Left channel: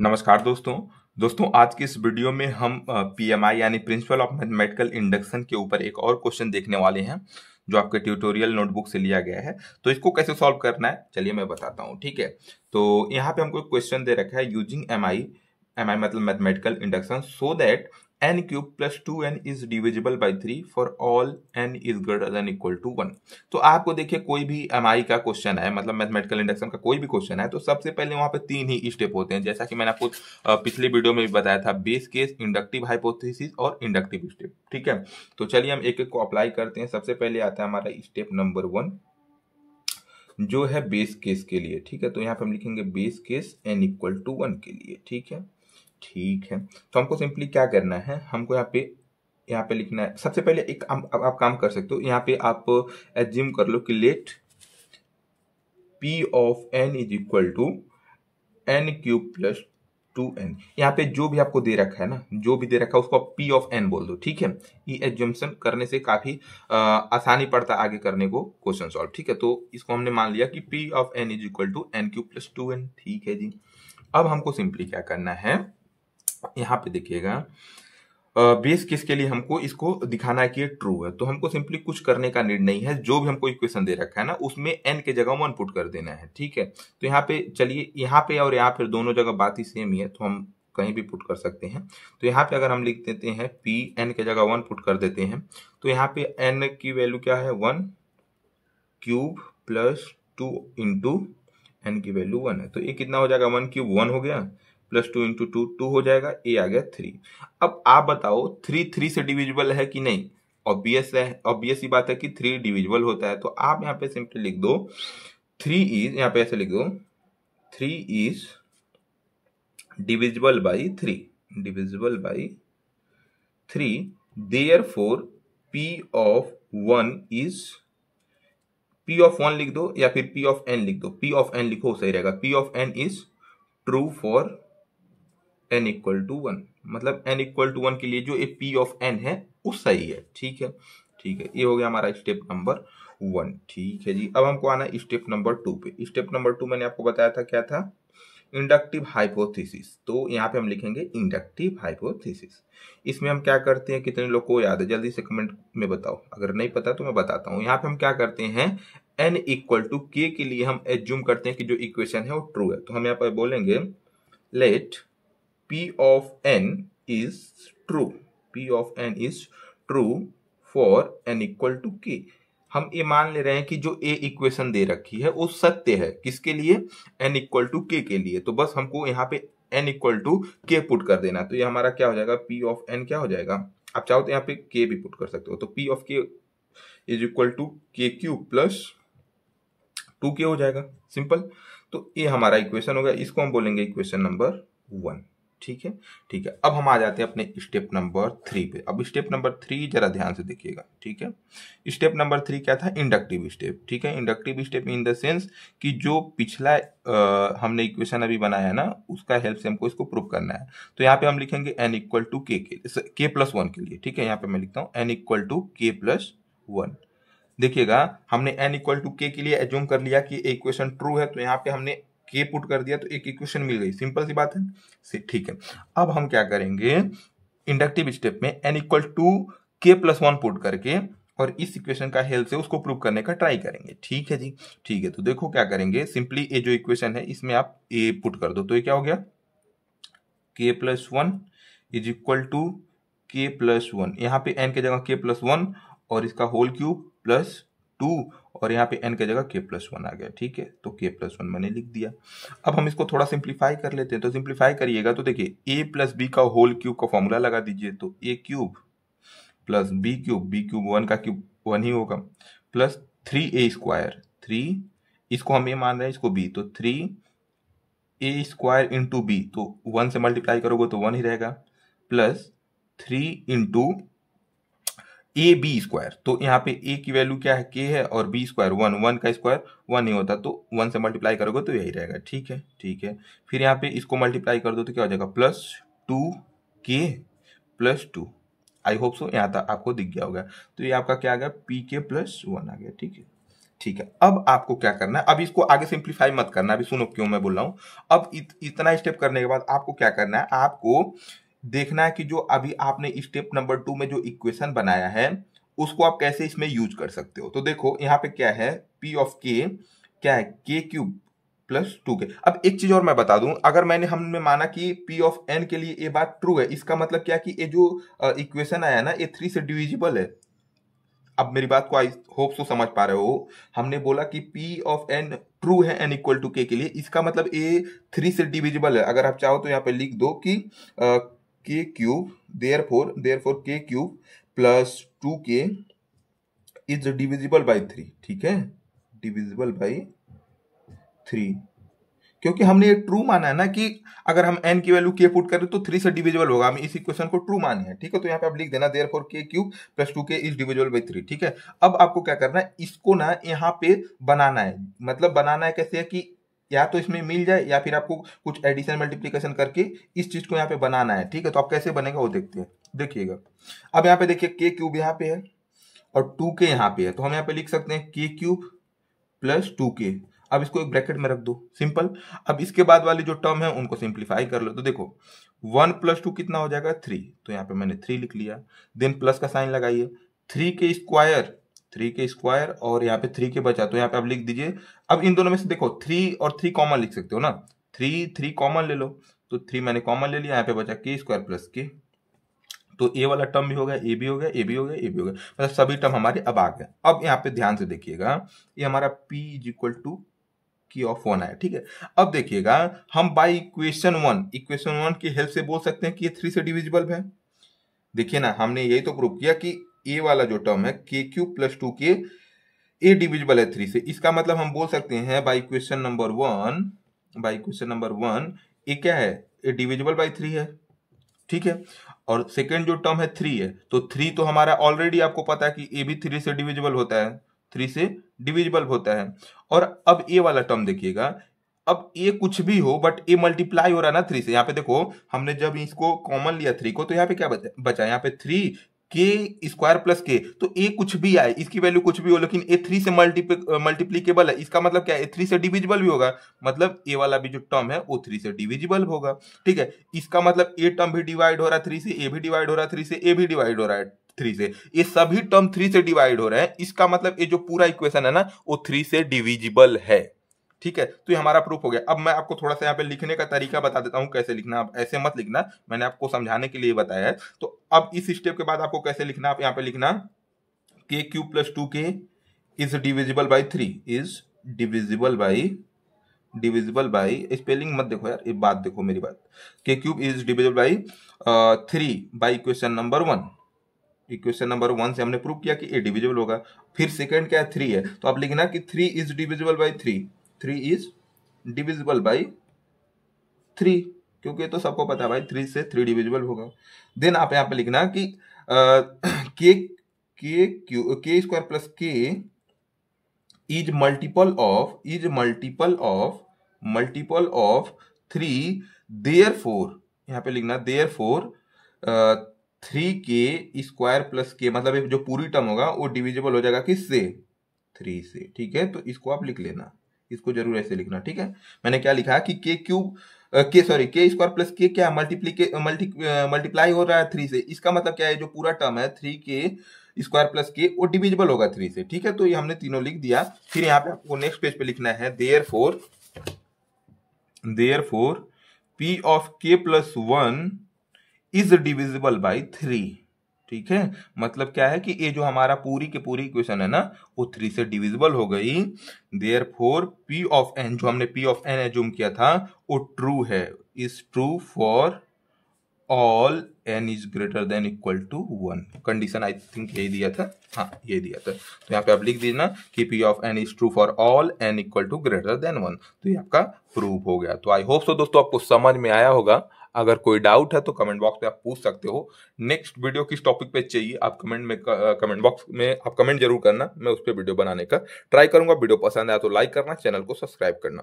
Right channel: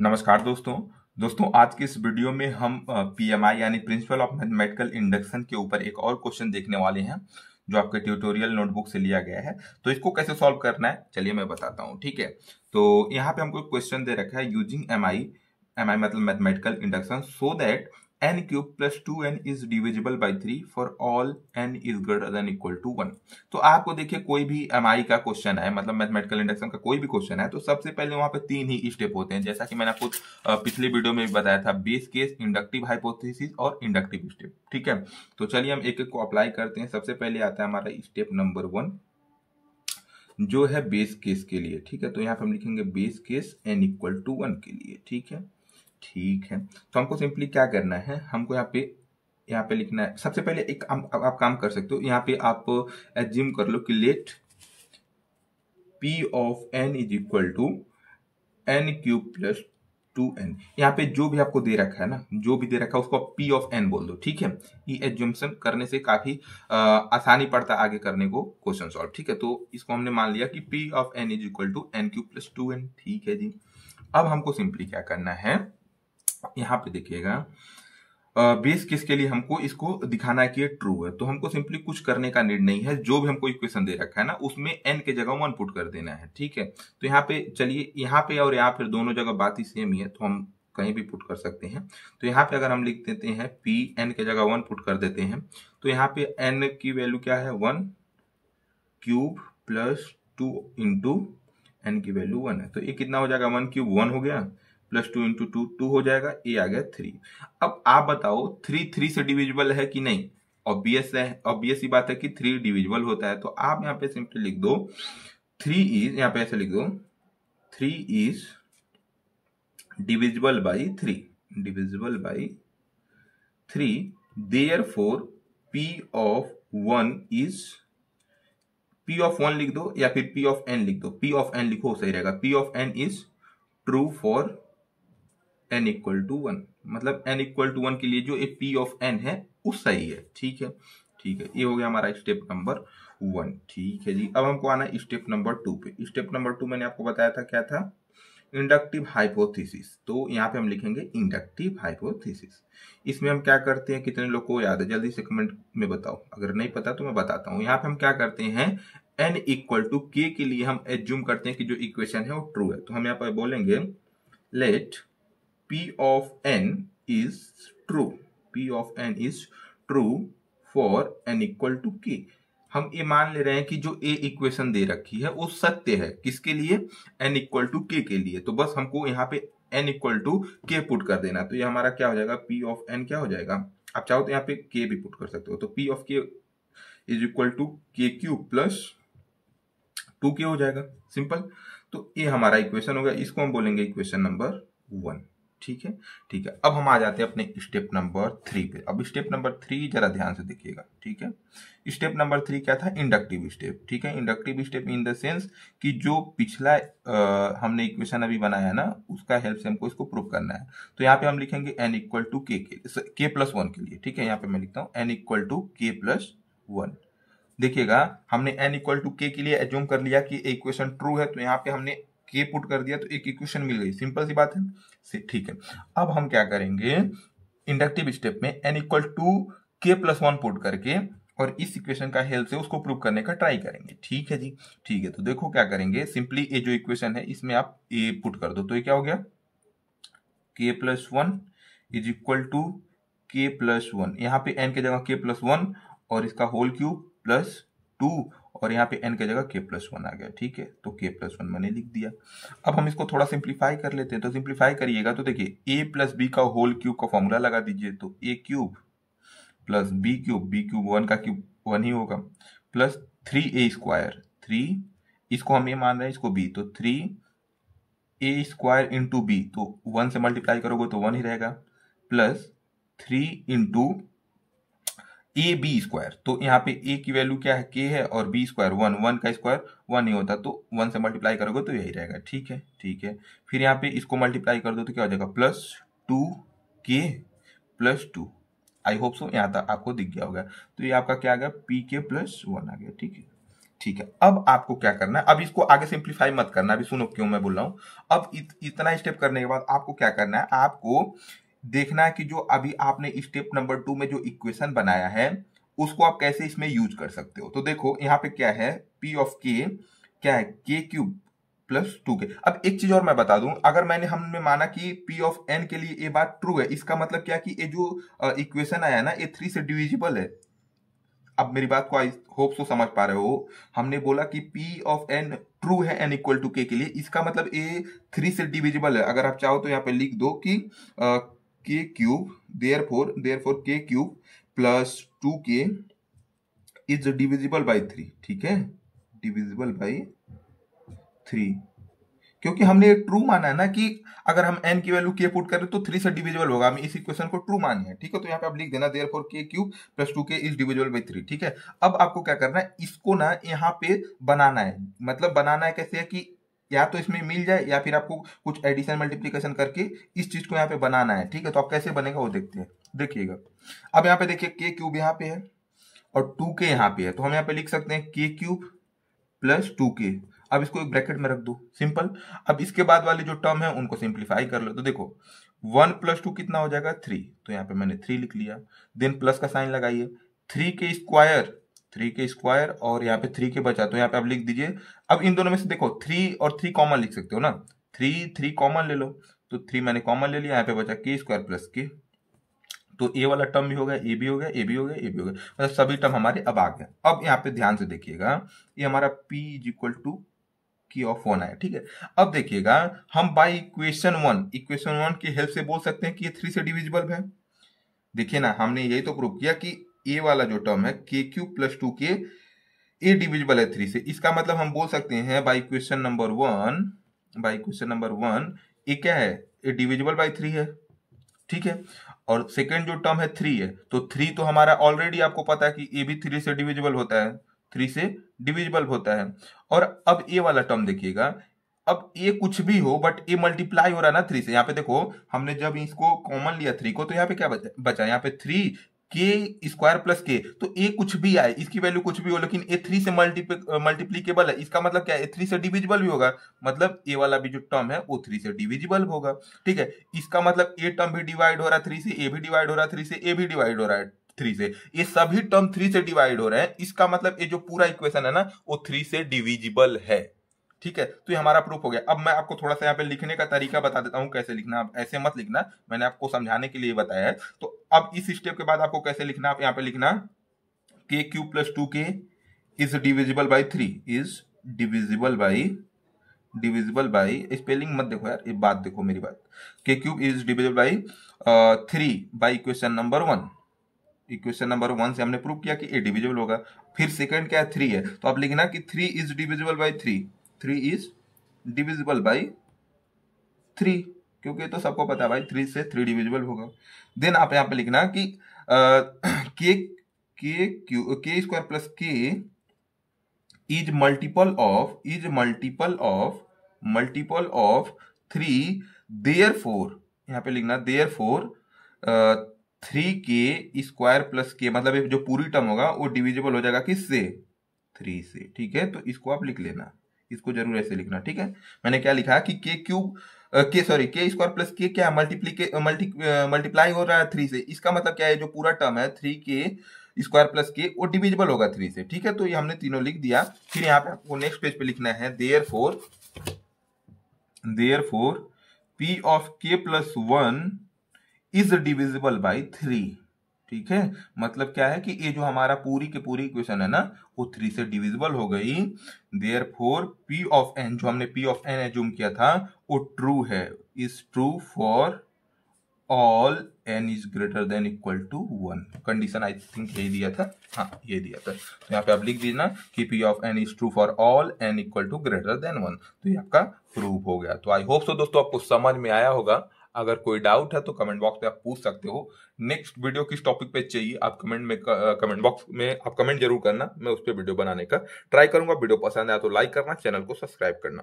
नमस्कार दोस्तों आज की इस वीडियो में हम पीएमआई यानी प्रिंसिपल ऑफ मैथमेटिकल इंडक्शन के ऊपर एक और क्वेश्चन देखने वाले हैं जो आपके ट्यूटोरियल नोटबुक से लिया गया है। तो इसको कैसे सॉल्व करना है चलिए मैं बताता हूँ। ठीक है, तो यहाँ पे हमको क्वेश्चन दे रखा है यूजिंग एम आई मतलब mathematical induction so that n cube plus 2n is divisible by 3 for all n is greater than equal to 1। तो आपको देखिए कोई भी एमआई का क्वेश्चन है मतलब मैथमेटिकल इंडक्शन का कोई भी क्वेश्चन है तो सबसे पहले वहां पे तीन ही स्टेप होते हैं, जैसा कि मैंने आपको पिछले वीडियो में भी बताया था, बेस केस, इंडक्टिव हाइपोथेसिस और इंडक्टिव स्टेप। ठीक है, तो चलिए हम एक एक को अप्लाई करते हैं। सबसे पहले आता है हमारा स्टेप नंबर 1 जो है बेस केस के लिए। ठीक है, तो यहाँ पे हम लिखेंगे base case n equal to 1 के लिए। ठीक है, तो हमको सिंपली क्या करना है, हमको यहाँ पे लिखना है। सबसे पहले एक आप काम कर सकते हो, यहाँ पे आप एज्यूम कर लो कि let p of n is equal to n cube plus 2n। यहाँ पे जो भी आपको दे रखा है ना, जो भी दे रखा है उसको आप p ऑफ n बोल दो। ठीक है, ये एज्यूम्पशन करने से काफी आसानी पड़ता है आगे करने को क्वेश्चन सॉल्व। ठीक है, तो इसको हमने मान लिया कि p of n is equal to n cube plus 2n। ठीक है जी, अब हमको सिंपली क्या करना है, यहाँ पे देखिएगा बेस केस के लिए हमको इसको दिखाना है कि ये ट्रू है। तो हमको सिंपली कुछ करने का नीड नहीं है, जो भी हमको इक्वेशन दे रखा है ना उसमें n के जगह 1 पुट कर देना है। ठीक है, तो यहाँ पे चलिए, यहाँ पे और यहाँ पे दोनों जगह बात ही सेम ही है, तो हम कहीं भी पुट कर सकते हैं। तो यहाँ पे अगर हम लिख देते हैं p n के जगह 1 पुट कर देते हैं, तो यहाँ पे n की वैल्यू क्या है, 1 क्यूब प्लस 2 इंटू n की वैल्यू 1 है। तो ये कितना हो जाएगा, 1 क्यूब 1 हो गया, प्लस 2 इंटू 2 2 हो जाएगा, ए आ गया 3। अब आप बताओ 3 3 से डिविजिबल है कि नहीं? ऑब्वियस ही बात है कि 3 डिविजिबल होता है। तो आप यहाँ पे सिंपली लिख दो 3 इज, यहाँ पे ऐसे लिख दो 3 is divisible by 3, therefore p of 1 is, p of 1 लिख दो या फिर p ऑफ n लिख दो, p ऑफ n लिखो सही रहेगा, p of n is true for n equal to 1। मतलब n इक्वल टू 1 के लिए जो ये p ऑफ n है वो सही है। ठीक है, ये हो गया हमारा स्टेप नंबर 1। ठीक है जी, अब हमको आना है स्टेप नंबर 2 पे। स्टेप नंबर 2 मैंने आपको बताया था क्या था, इंडक्टिव हाइपोथेसिस। तो यहाँ पे हम लिखेंगे इंडक्टिव हाइपोथेसिस। इसमें हम क्या करते हैं, कितने लोग को याद है जल्दी से कमेंट में बताओ, अगर नहीं पता तो मैं बताता हूँ। यहाँ पे हम क्या करते हैं, n इक्वल टू k के लिए हम एज्यूम करते हैं कि जो इक्वेशन है वो ट्रू है। तो हम यहाँ पर बोलेंगे late p of n is true, p of n is true for n equal to k। हम ये मान ले रहे हैं कि जो ए इक्वेशन दे रखी है वो सत्य है, किसके लिए, n इक्वल टू के के लिए। तो बस हमको यहाँ पे n इक्वल टू के पुट कर देना। तो ये हमारा क्या हो जाएगा, p ऑफ n क्या हो जाएगा, आप चाहो तो यहाँ पे k भी पुट कर सकते हो। तो p of k is equal to K cube plus 2k हो जाएगा, सिंपल। तो ये हमारा इक्वेशन होगा, इसको हम बोलेंगे इक्वेशन नंबर 1। ठीक है, अब हम आ जाते हैं अपने स्टेप नंबर 3 पे। अब स्टेप नंबर 3 जरा ध्यान से देखिएगा। ठीक है, स्टेप नंबर 3 क्या था, इंडक्टिव स्टेप। ठीक है, inductive step in the sense कि जो पिछला हमने इक्वेशन अभी बनाया है ना उसका हेल्प से हमको इसको प्रूव करना है। तो यहाँ पे हम लिखेंगे n इक्वल टू के प्लस 1 के लिए। ठीक है, यहाँ पे मैं लिखता हूँ n इक्वल टू के प्लस 1। देखिएगा हमने n इक्वल टू के लिए एज्यूम कर लिया कि इक्वेशन ट्रू है, तो यहाँ पे हमने के पुट कर दिया तो एक इक्वेशन मिल गई, सिंपल सी बात है। ठीक है, अब हम क्या करेंगे, इंडक्टिव स्टेप में n इक्वल टू के प्लस 1 पुट करके और इस इक्वेशन का हेल्प से उसको प्रूव करने का ट्राई करेंगे। ठीक है जी, ठीक है, तो देखो क्या करेंगे, सिंपली ये जो इक्वेशन है इसमें आप ए पुट कर दो। तो ये क्या हो गया, के प्लस 1 इज इक्वल टू के प्लस 1, यहाँ पे n के जगह के प्लस 1 और इसका होल क्यूब प्लस 2 और यहाँ पे n के जगह k प्लस 1 आ गया। ठीक है, तो k प्लस 1 मैंने लिख दिया। अब हम इसको थोड़ा सिंप्लीफाई कर लेते हैं। तो सिंप्लीफाई करिएगा तो देखिए a प्लस बी का होल क्यूब का फॉर्मूला लगा दीजिए, तो a cube plus B cube 1 का क्यूब 1 ही होगा, प्लस 3a स्क्वायर, 3 इसको हम a मान रहे हैं, इसको b, तो 3a स्क्वायर इंटू बी, तो 1 से मल्टीप्लाई करोगे तो 1 ही रहेगा, plus 3 into A B square. तो यहाँ पे ए की वैल्यू क्या है, के है, और बी स्क्वायर 1, 1 का स्क्वायर 1 ही होता, तो 1 से मल्टीप्लाई करोगे तो यही रहेगा। ठीक है, फिर यहाँ पे इसको मल्टीप्लाई कर दो तो क्या हो जाएगा, plus 2k plus 2। I hope so यहाँ तक आपको दिख गया होगा। तो ये आपका क्या आ गया, पी के प्लस 1 आ गया। ठीक है, ठीक है, अब आपको क्या करना है, अब इसको आगे सिंप्लीफाई मत करना, अभी सुनो क्यों मैं बोल रहा हूं। अब इतना स्टेप करने के बाद आपको क्या करना है, आपको देखना है कि जो अभी आपने स्टेप नंबर 2 में जो इक्वेशन बनाया है उसको आप कैसे इसमें यूज कर सकते हो। तो देखो यहाँ पे क्या है, पी ऑफ के क्या है, के क्यूब प्लस 2k। अब एक चीज और मैं बता दूं, अगर हमने माना कि p ऑफ n के लिए ये बात ट्रू है, इसका मतलब क्या कि ये जो इक्वेशन आया ना ये 3 से डिविजिबल है। अब मेरी बात को आई होप सो समझ पा रहे हो, हमने बोला कि p ऑफ n ट्रू है n इक्वल टू k के लिए, इसका मतलब ये 3 से डिविजिबल है। अगर आप चाहो तो यहाँ पे लिख दो कि k cube therefore k cube plus 2k is divisible by 3, ठीक है, डिविजिबल बाई 3, क्योंकि हमने ये ट्रू माना है ना कि अगर हम n की वैल्यू k पुट करें तो 3 से डिविजिबल होगा, हम इस इक्वेशन को ट्रू माने हैं, ठीक है। तो यहाँ पे आप लिख देना therefore k cube plus 2k is divisible by 3, ठीक है। अब आपको क्या करना है, इसको ना यहाँ पे बनाना है, मतलब बनाना है कैसे है कि या तो इसमें मिल जाए या फिर आपको कुछ एडिशन मल्टीप्लीकेशन करके इस चीज को यहाँ पे बनाना है, ठीक है। तो आप कैसे बनेगा वो देखते हैं, देखिएगा। अब यहाँ पे देखिए k क्यूब यहाँ पे है और 2k यहाँ पे है, तो हम यहाँ पे लिख सकते हैं k क्यूब प्लस 2k। अब इसको एक ब्रैकेट में रख दो, सिंपल। अब इसके बाद वाली जो टर्म है उनको सिंप्लीफाई कर लो। तो देखो 1 प्लस 2 कितना हो जाएगा 3, तो यहाँ पे मैंने 3 लिख लिया। देन प्लस का साइन लगाइए, 3 के स्क्वायर और यहाँ पे 3k बचा, तो यहाँ पे आप लिख दीजिए। अब इन दोनों में से देखो 3 और 3 कॉमन लिख सकते हो ना, 3 कॉमन ले लो, तो 3 मैंने कॉमन ले लिया, यहाँ पे बचा k स्क्वायर प्लस k। तो ए वाला टर्म भी हो गया, ए भी हो गया, ए भी हो गया, ए भी हो गया, मतलब सभी टर्म हमारे अब आ गए। अब यहाँ पे ध्यान से देखिएगा, ये हमारा p इज इक्वल टू की ऑफ 1 आया, ठीक है। अब देखिएगा हम बाय इक्वेशन 1 की हेल्प से बोल सकते हैं कि ये 3 से डिविजिबल है। देखिए ना, हमने यही तो प्रूव किया कि ए वाला जो टर्म है k क्यूब प्लस 2k ए डिविजिबल है 3 से। इसका मतलब हम बोल सकते हैं बाय इक्वेशन नंबर 1 ये क्या है, ए डिविजिबल बाय 3 है, ठीक है। और सेकेंड जो टर्म है 3 है, तो 3 तो हमारा ऑलरेडी आपको पता है कि ए भी 3 से डिविजिबल होता है, 3 से डिविजिबल होता है। और अब ए वाला टर्म देखिएगा, अब ए कुछ भी हो बट ए मल्टीप्लाई हो रहा है ना 3 से। यहाँ पे देखो हमने जब इसको कॉमन लिया 3 को, तो यहाँ पे क्या बचा, यहाँ पे 3 के स्क्वायर प्लस के, तो ए कुछ भी आए, इसकी वैल्यू कुछ भी हो, लेकिन ए 3 से मल्टीप्लीकेबल है। इसका मतलब क्या है, 3 से डिविजिबल भी होगा, मतलब ए वाला भी जो टर्म है वो 3 से डिविजिबल होगा, ठीक है। इसका मतलब ए टर्म भी डिवाइड हो रहा है 3 से, ए भी डिवाइड हो रहा है 3 से, ए भी डिवाइड हो रहा है 3 से, ये सभी टर्म 3 से डिवाइड हो रहे हैं। इसका मतलब ये जो पूरा इक्वेशन है ना वो 3 से डिविजिबल है, ठीक है। तो ये हमारा प्रूफ हो गया। अब मैं आपको थोड़ा सा यहाँ पे लिखने का तरीका बता देता हूँ कैसे लिखना। आप ऐसे मत लिखना, मैंने आपको समझाने के लिए बताया है। तो अब इस स्टेप के बाद आपको कैसे लिखना, आप यहाँ पे लिखना k cube plus 2k is divisible by 3, is divisible by spelling मत देखो यार, ये बात देखो मेरी बात, k cube is divisible by 3 by equation number 1। Equation number 1 से हमने प्रूव किया कि ए डिविजिबल होगा। फिर सेकंड क्या है 3 है, तो आप लिखना कि 3 is divisible by 3 is divisible by 3, क्योंकि तो सबको पता है भाई 3 से 3 डिविजिबल होगा। देन आप यहाँ पे लिखना कि के स्क्वायर प्लस के इज मल्टीपल ऑफ 3, देयरफॉर यहाँ पे लिखना देयरफॉर 3k स्क्वायर प्लस के, मतलब जो पूरी टर्म होगा वो डिविजिबल हो जाएगा किससे, 3 से, ठीक है। तो इसको आप लिख लेना, इसको जरूर ऐसे लिखना, ठीक है। मैंने क्या लिखा कि के स्क्वायर प्लस के क्या मल्टीप्लाई हो रहा है 3 से, इसका मतलब क्या है, जो पूरा टर्म है 3k स्क्वायर प्लस के वो डिविजिबल होगा 3 से, ठीक है। तो ये हमने तीनों लिख दिया। फिर यहाँ पे आपको नेक्स्ट पेज पे लिखना है therefore p of k plus 1 is divisible by 3, ठीक है। मतलब क्या है कि ये जो हमारा पूरी की पूरी इक्वेशन है ना वो 3 से डिविजिबल हो गई। देयरफॉर p ऑफ n, जो हमने p ऑफ n एज्यूम किया था वो ट्रू है, is true for all n is greater than equal to 1। Condition I think यही दिया था, हाँ ये दिया था। तो यहाँ पे आप लिख दीजिए ना कि p of n is true for all n equal to greater than 1। तो ये आपका प्रूफ हो गया। तो आई होप सो दोस्तों आपको समझ में आया होगा। अगर कोई डाउट है तो कमेंट बॉक्स में आप पूछ सकते हो। नेक्स्ट वीडियो किस टॉपिक पे चाहिए आप कमेंट बॉक्स में आप कमेंट जरूर करना, मैं उस पर वीडियो बनाने का ट्राई करूंगा। वीडियो पसंद आया तो लाइक करना, चैनल को सब्सक्राइब करना।